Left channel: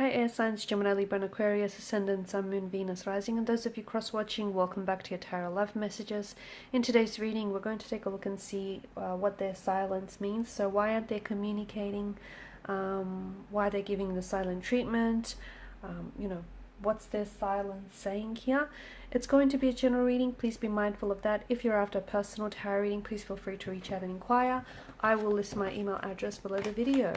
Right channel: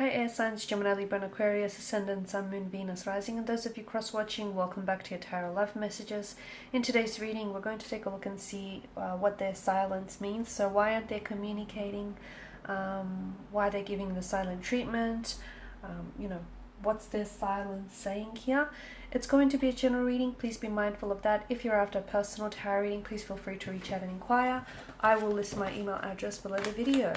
Hi air signs, Gemini, Libra and Aquarius, Ascendant, Sun, Moon, Venus, Rising, and those of you cross-watching, welcome back to your Tarot Love Messages. In today's reading, we're going to take a look and see what their silence means. So why aren't they communicating? Why they're giving the silent treatment? What's their silence saying here? It's going to be a general reading. Please be mindful of that. If you're after a personal tarot reading, please feel free to reach out and inquire. I will list my email address below the video.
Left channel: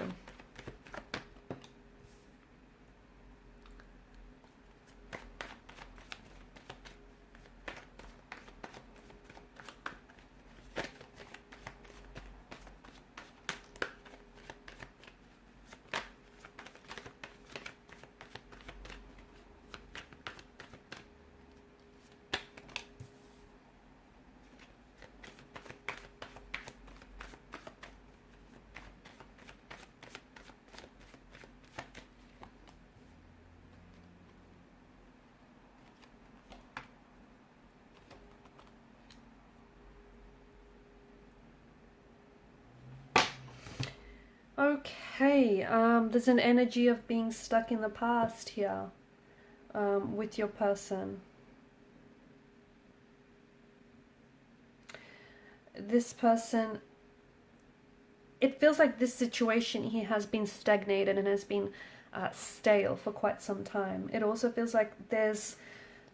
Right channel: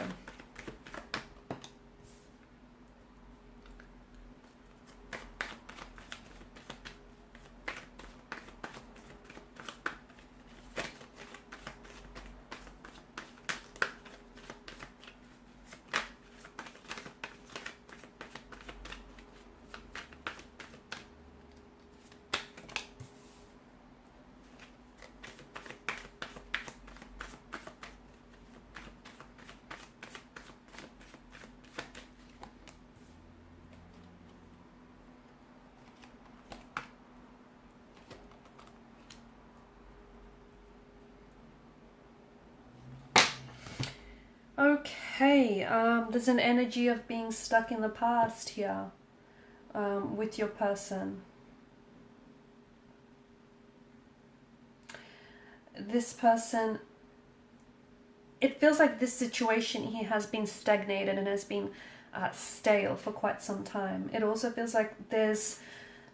Okay, there's an energy of being stuck in the past here with your person. This person, it feels like this situation here has been stagnated and has been stale for quite some time. It also feels like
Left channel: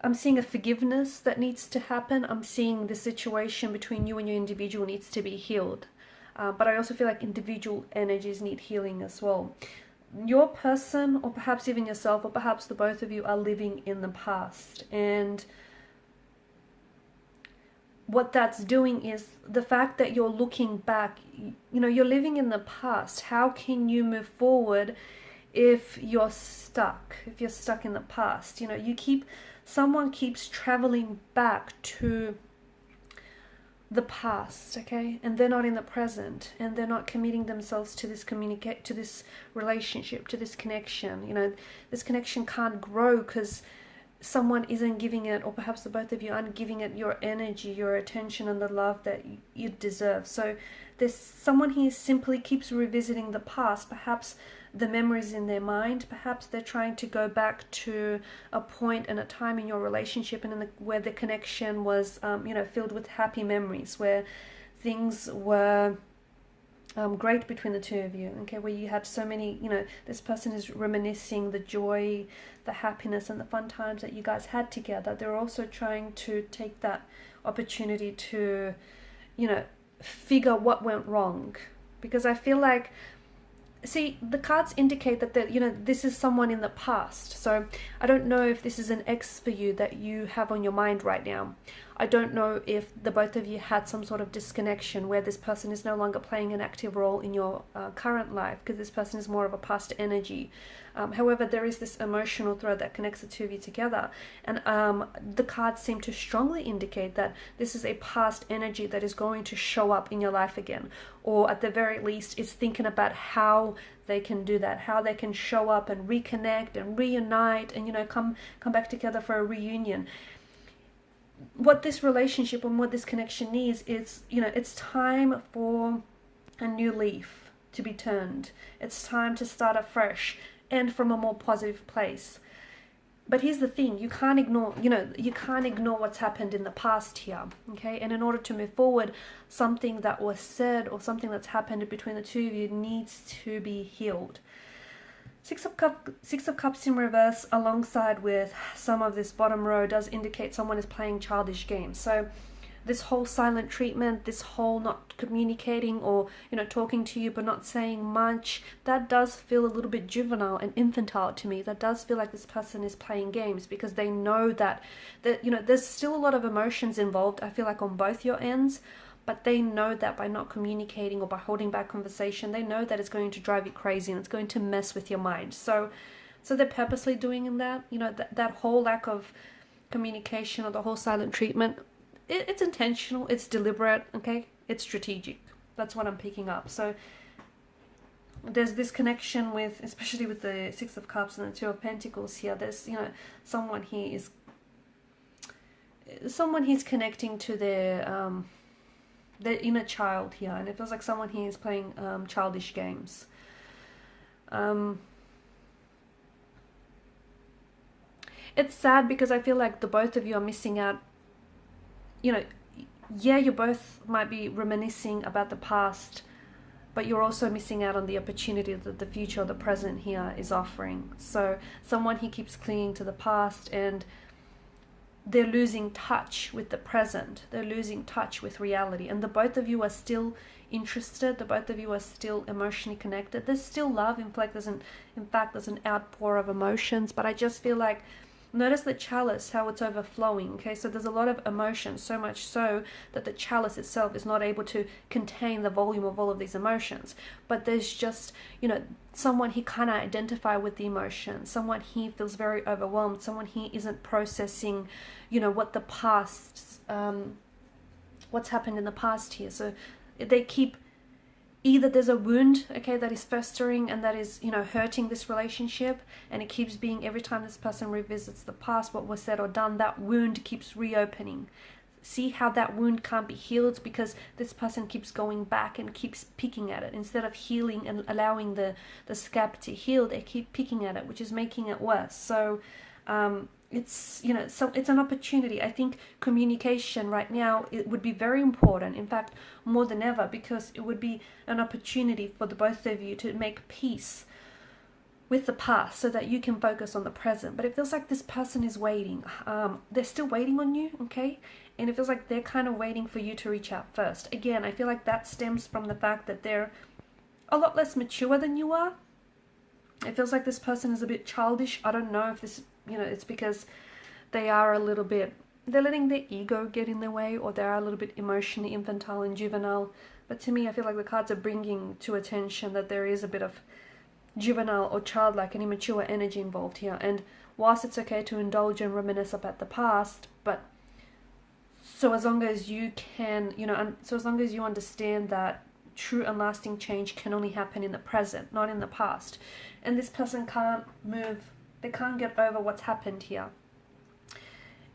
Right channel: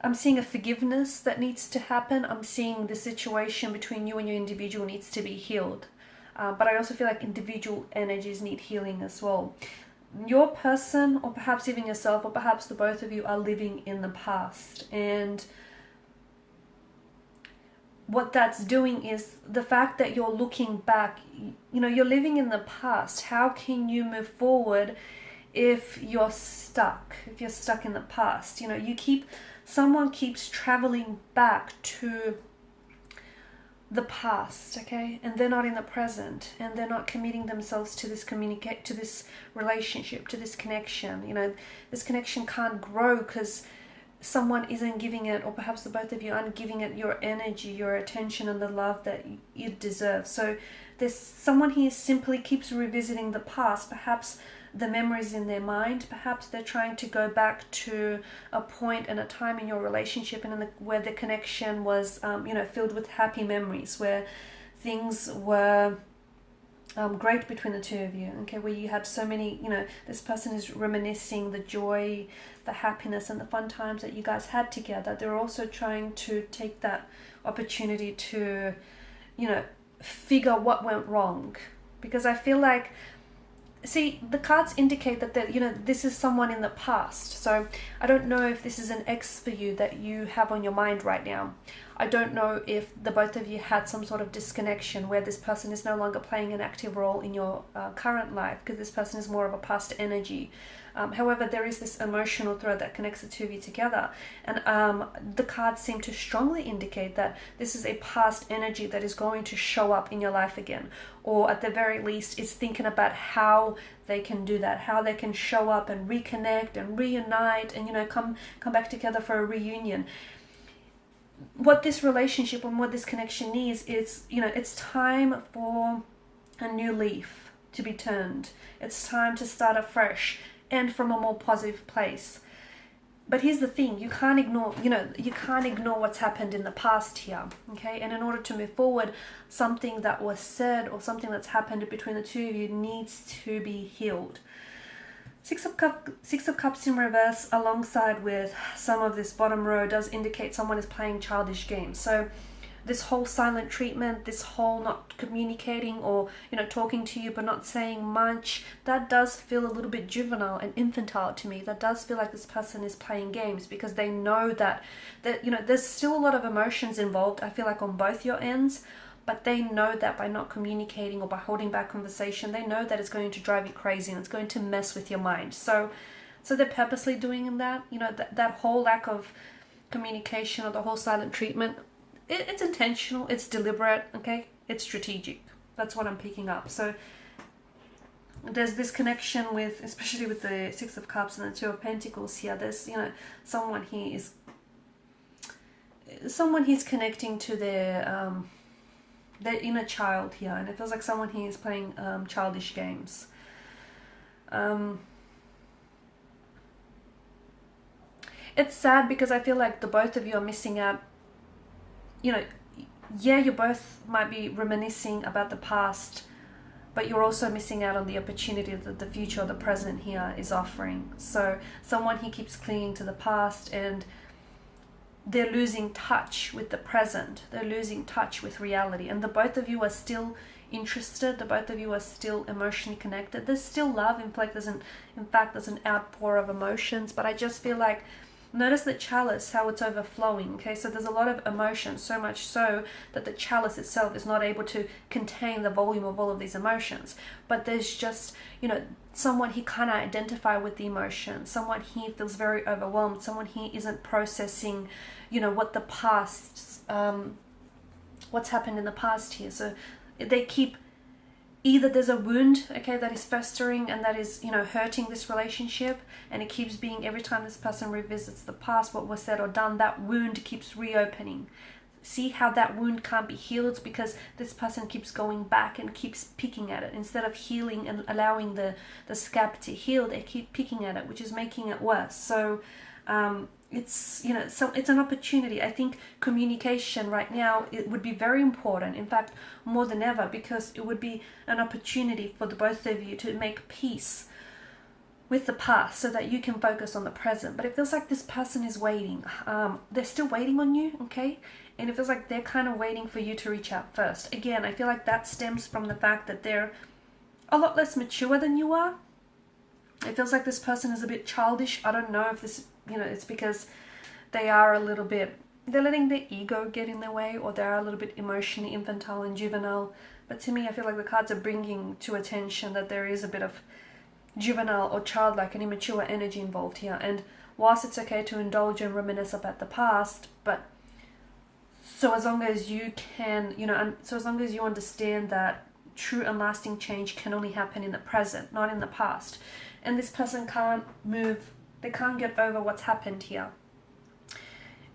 I'm seeing a forgiveness that needs to happen. I'm seeing the situation between you and your individual needs to be healed. But I also feel like individual energies need healing as well. Your person, or perhaps even yourself, or perhaps the both of you, are living in the past. And what that's doing is the fact that you're looking back, you're living in the past. How can you move forward if you're stuck in the past? Someone keeps traveling back to the past, okay, and they're not in the present, and they're not committing themselves to this relationship, to this connection. This connection can't grow because someone isn't giving it, or perhaps the both of you aren't giving it your energy, your attention, and the love that you deserve. So there's someone here simply keeps revisiting the past, perhaps the memories in their mind. Perhaps they're trying to go back to a point and a time in your relationship and where the connection was filled with happy memories, where things were great between the two of you, okay, where you had so many, this person is reminiscing the joy, the happiness and the fun times that you guys had together. They're also trying to take that opportunity to figure what went wrong, because I feel like, see, the cards indicate that this is someone in the past. So I don't know if this is an ex for you that you have on your mind right now. I don't know if the both of you had some sort of disconnection where this person is no longer playing an active role in your current life, because this person is more of a past energy. However, there is this emotional thread that connects the two of you together. And the cards seem to strongly indicate that this is a past energy that is going to show up in your life again. Or at the very least, is thinking about how they can do that, how they can show up and reconnect and reunite and, come back together for a reunion. What this relationship and what this connection needs is, it's time for a new leaf to be turned. It's time to start afresh and from a more positive place. But here's the thing, you can't ignore what's happened in the past here, okay? And in order to move forward, something that was said or something that's happened between the two of you needs to be healed. Six of Cups in reverse alongside with some of this bottom row does indicate someone is playing childish games. So this whole silent treatment, this whole not communicating or, talking to you but not saying much, that does feel a little bit juvenile and infantile to me. That does feel like this person is playing games because they know that there's still a lot of emotions involved, I feel like, on both your ends. But they know that by not communicating or by holding back conversation, they know that it's going to drive you crazy and it's going to mess with your mind. So they're purposely doing that. That whole lack of communication or the whole silent treatment, it's intentional, it's deliberate, okay? It's strategic. That's what I'm picking up. So there's this connection with, especially with the Six of Cups and the Two of Pentacles here, there's, someone he's connecting to their inner child here, and it feels like someone here is playing childish games. it's sad because I feel like the both of you are missing out. You know, yeah, you both might be reminiscing about the past, but you're also missing out on the opportunity that the future or the present here is offering. So someone he keeps clinging to the past, and they're losing touch with the present. They're losing touch with reality. And the both of you are still interested. The both of you are still emotionally connected. There's still love. In fact, there's an outpour of emotions. But I just feel like, notice the chalice, how it's overflowing. Okay, so there's a lot of emotion, so much so that the chalice itself is not able to contain the volume of all of these emotions. But there's just, someone he can't identify with the emotion. Someone he feels very overwhelmed. Someone he isn't processing, what the past, what's happened in the past here. So they keep, either there's a wound, okay, that is festering and that is, hurting this relationship, and it keeps being, every time this person revisits the past, what was said or done, that wound keeps reopening. See how that wound can't be healed because this person keeps going back and keeps picking at it. Instead of healing and allowing the scab to heal, they keep picking at it, which is making it worse. So it's it's an opportunity. I think communication right now, it would be very important, in fact more than ever, because it would be an opportunity for the both of you to make peace with the past so that you can focus on the present. But it feels like this person is waiting. They're still waiting on you, okay? And it feels like they're kind of waiting for you to reach out first. Again, I feel like that stems from the fact that they're a lot less mature than you are. It feels like this person is a bit childish. I don't know if this, it's because they are a little bit, they're letting their ego get in their way, or they're a little bit emotionally infantile and juvenile. But to me, I feel like the cards are bringing to attention that there is a bit of juvenile or childlike and immature energy involved here. And whilst it's okay to indulge and reminisce about the past, but so as long as you can, so as long as you understand that true and lasting change can only happen in the present, not in the past. And this person can't move, they can't get over what's happened here.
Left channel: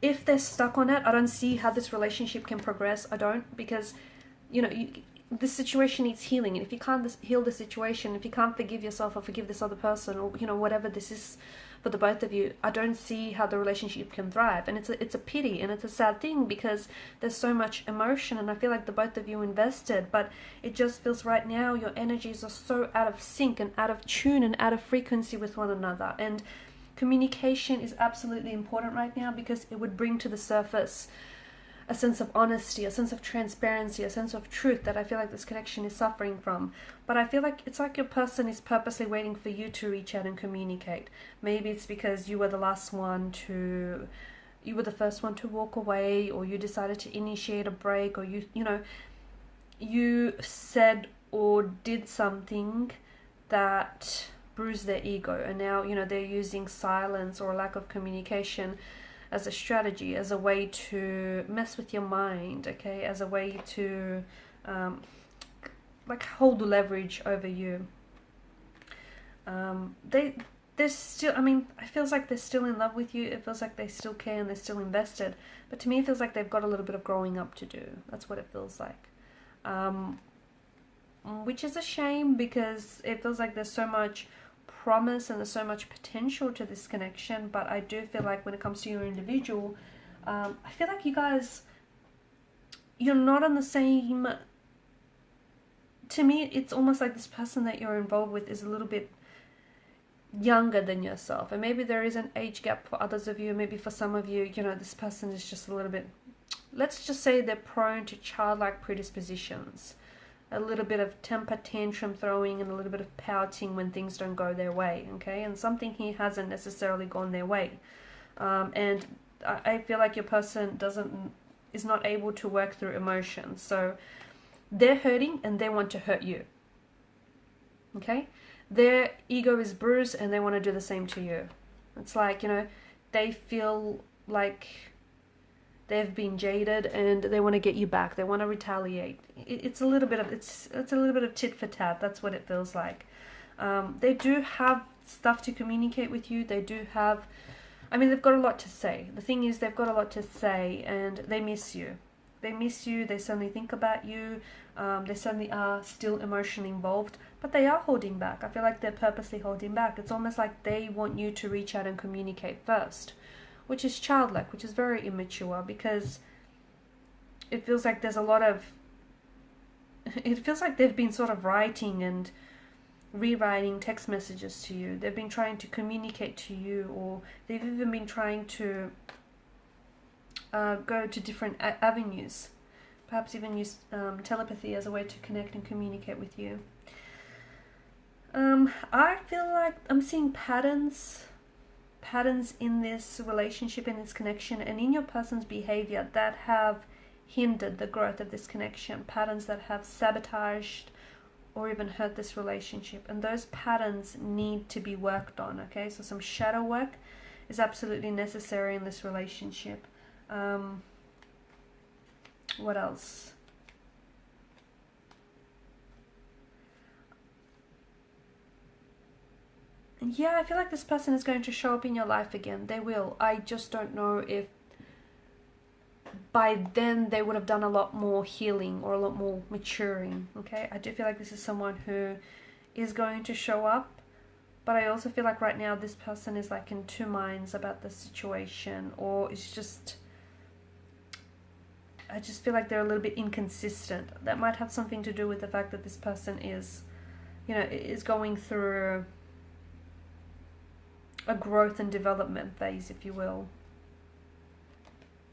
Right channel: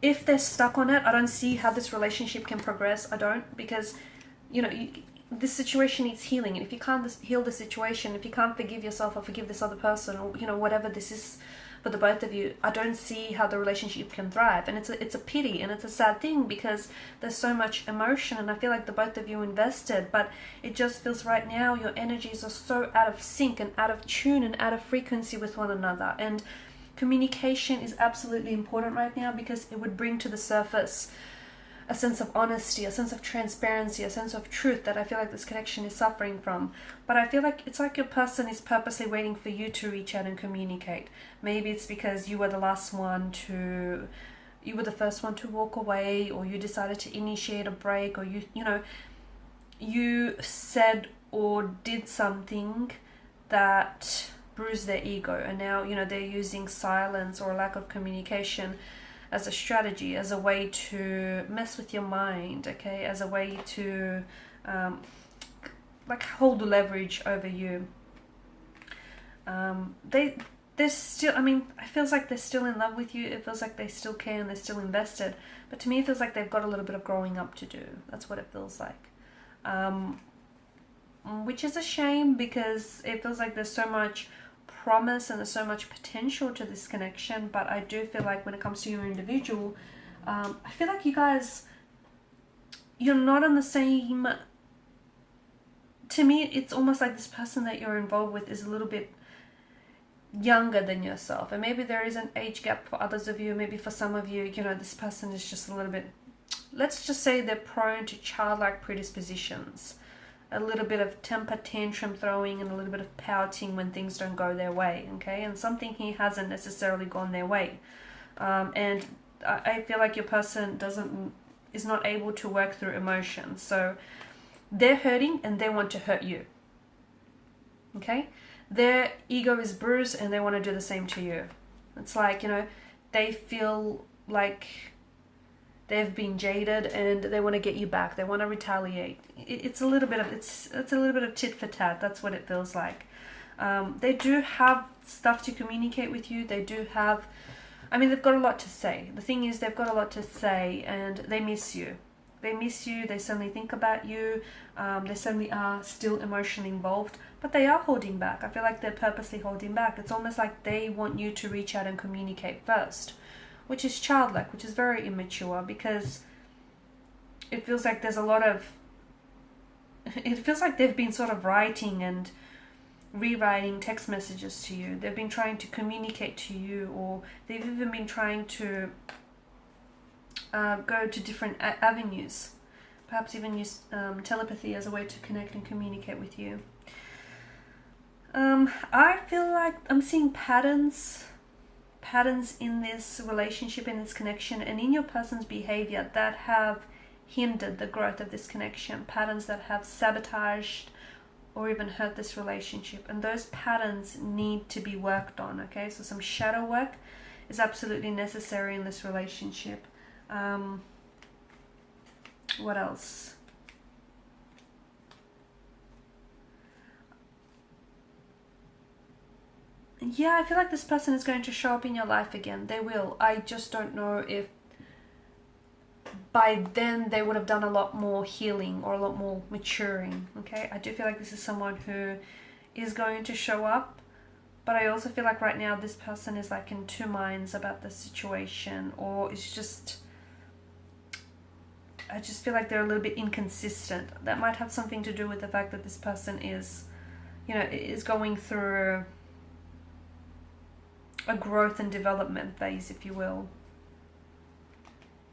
If they're stuck on it, I don't see how this relationship can progress. I don't, because, this situation needs healing. And if you can't heal the situation, if you can't forgive yourself or forgive this other person, or, whatever this is for the both of you, I don't see how the relationship can thrive. And it's a pity, and it's a sad thing, because there's so much emotion, and I feel like the both of you invested, but it just feels right now your energies are so out of sync and out of tune and out of frequency with one another. And communication is absolutely important right now, because it would bring to the surface a sense of honesty, a sense of transparency, a sense of truth that I feel like this connection is suffering from. But I feel like it's like your person is purposely waiting for you to reach out and communicate. Maybe it's because you were the first one to walk away, or you decided to initiate a break, or you said or did something that bruised their ego, and now they're using silence or lack of communication as a strategy, as a way to mess with your mind, okay, as a way to hold leverage over you. They're still, it feels like they're still in love with you. It feels like they still care and they're still invested. But to me, it feels like they've got a little bit of growing up to do. That's what it feels like. Which is a shame, because it feels like there's so much promise and there's so much potential to this connection. But I do feel like when it comes to your individual, I feel like you guys, you're not on the same, to me, it's almost like this person that you're involved with is a little bit younger than yourself. And maybe there is an age gap for others of you. Maybe for some of you, this person is just a little bit, let's just say they're prone to childlike predispositions. A little bit of temper tantrum throwing and a little bit of pouting when things don't go their way, okay? And something here hasn't necessarily gone their way. And I feel like your person is not able to work through emotions. So they're hurting and they want to hurt you, okay? Their ego is bruised and they want to do the same to you. It's like, they feel like they've been jaded and they want to get you back. They want to retaliate. It's a little bit of tit for tat. That's what it feels like. They do have stuff to communicate with you. They do have, they've got a lot to say. The thing is, they've got a lot to say, and they miss you. They miss you. They suddenly think about you. They suddenly are still emotionally involved, but they are holding back. I feel like they're purposely holding back. It's almost like they want you to reach out and communicate first, which is childlike, which is very immature, because it feels like there's a lot of, it feels like they've been sort of writing and rewriting text messages to you. They've been trying to communicate to you, or they've even been trying to go to different avenues, perhaps even use telepathy as a way to connect and communicate with you. I feel like I'm seeing patterns in this relationship, in this connection, and in your person's behavior that have hindered the growth of this connection, patterns that have sabotaged or even hurt this relationship, and those patterns need to be worked on. Okay, so some shadow work is absolutely necessary in this relationship. What else? Yeah, I feel like this person is going to show up in your life again. They will. I just don't know if by then they would have done a lot more healing or a lot more maturing. Okay, I do feel like this is someone who is going to show up, but I also feel like right now this person is like in two minds about the situation, or it's just, I just feel like they're a little bit inconsistent. That might have something to do with the fact that this person is, you know, is going through a growth and development phase, if you will.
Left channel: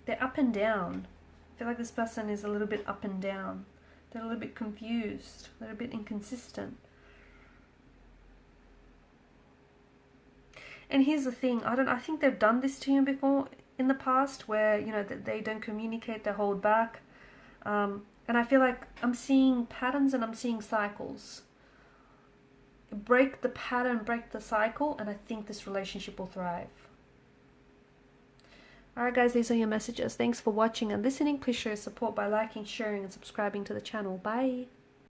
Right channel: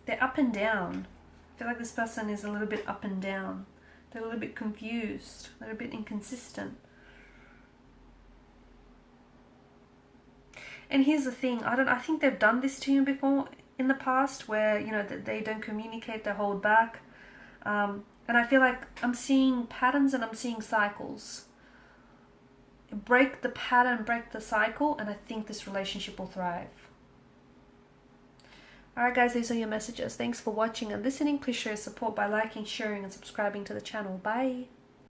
They're up and down. I feel like this person is a little bit up and down. They're a little bit confused. They're a bit inconsistent. And here's the thing. I think they've done this to you before in the past, where, you know, that they don't communicate, they hold back. And I feel like I'm seeing patterns and I'm seeing cycles. Break the pattern, break the cycle, and I think this relationship will thrive. Alright guys, these are your messages. Thanks for watching and listening. Please show your support by liking, sharing and subscribing to the channel. Bye.